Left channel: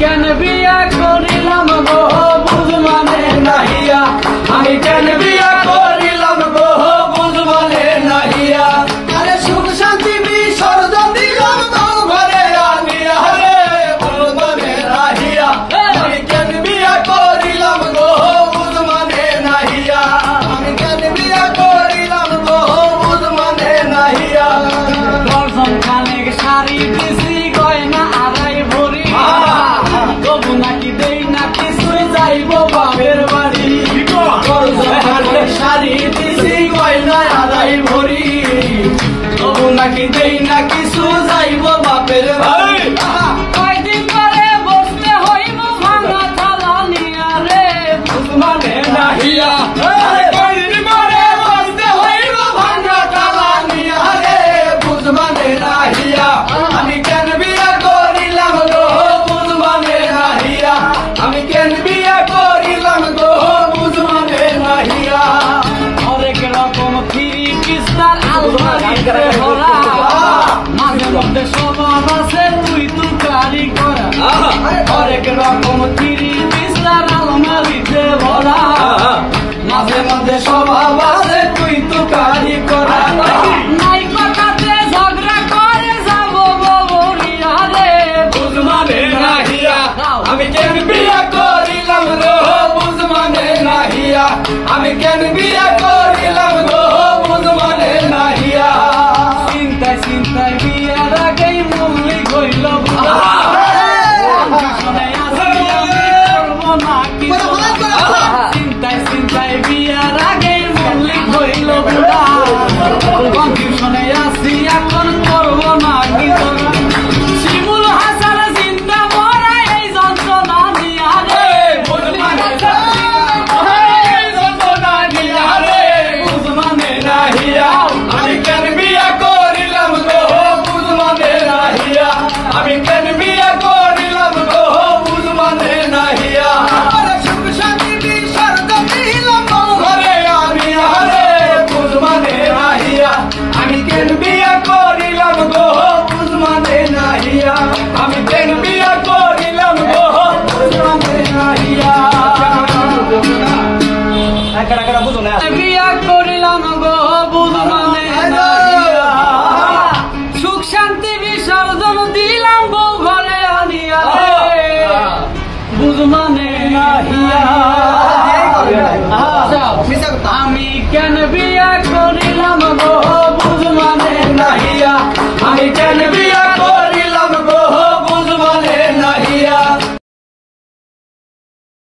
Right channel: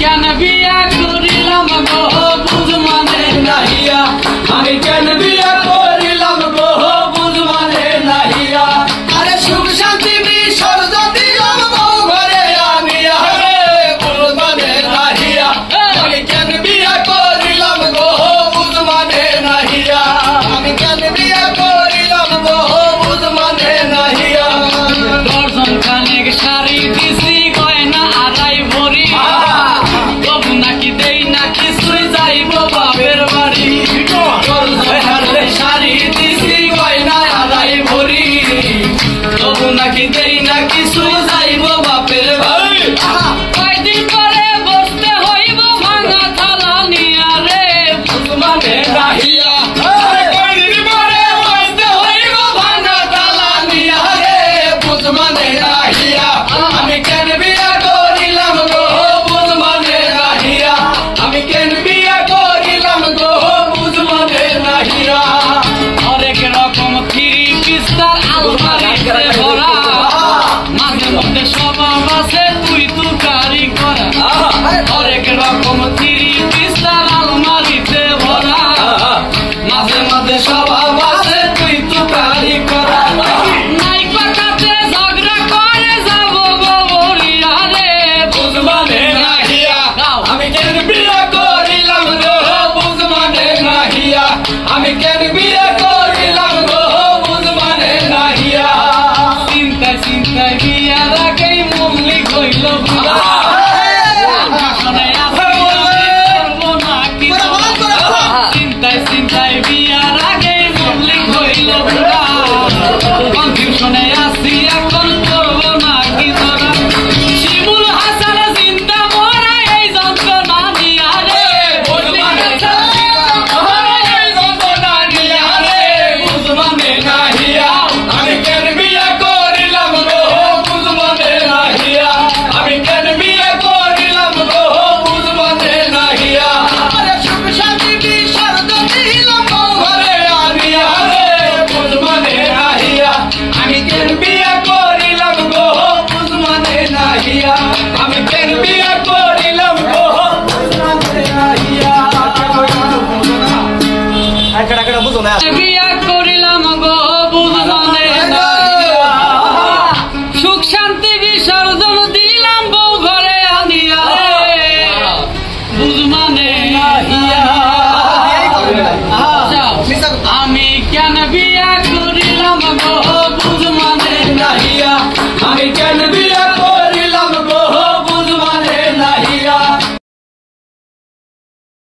কেন বিয়া করিলাম গো বুঝ মানে নাহিয়া, আমি কেন বিয়া করিলাম গো বুঝ মানে নাহিয়া। আরে সুখ শান্তি বিসর্জন দিলাম বউ ঘরে আনিয়া রে বুঝ মানে নাহিয়া, আমি কেন বিয়া করিলাম গো বুঝ মানে নাহিয়া, আমি কেন বিয়া করিলাম গো বুঝ মানে নাহিয়া। দর্জন খানেক শাড়ি দিছি গয়না আড়াই ভরি, তবু নাকি দেই না কিছুই যাইব বাপের বাড়ি। দর্জন খানেক শাড়ি দিছি গয়না আড়াই ভরি, তবু নাকি দেই না কিছুই যাইব বাপের বাড়ি। কয়দিন পরে বসতে হইব ভাঙা থালা নিয়া রে বুঝ মানে নাহিয়া, কয়দিন পরে বসতে হইব ভাঙা থালা নিয়া রে বুঝ মানে নাহিয়া। আমি কেন বিয়া করিলাম গো বুঝ মানে নাহিয়া, আমি কেন বিয়া করিলাম গো বুঝ মানে নাহিয়া। হরেক রকম থ্রি পিস্তার আলমারিতে ভরা, মাঝে মধ্যে স্বভাব আছে তুই তুকারি করা। হরেক রকম থ্রি পিস্তার আলমারিতে ভরা, মাঝে মধ্যে সব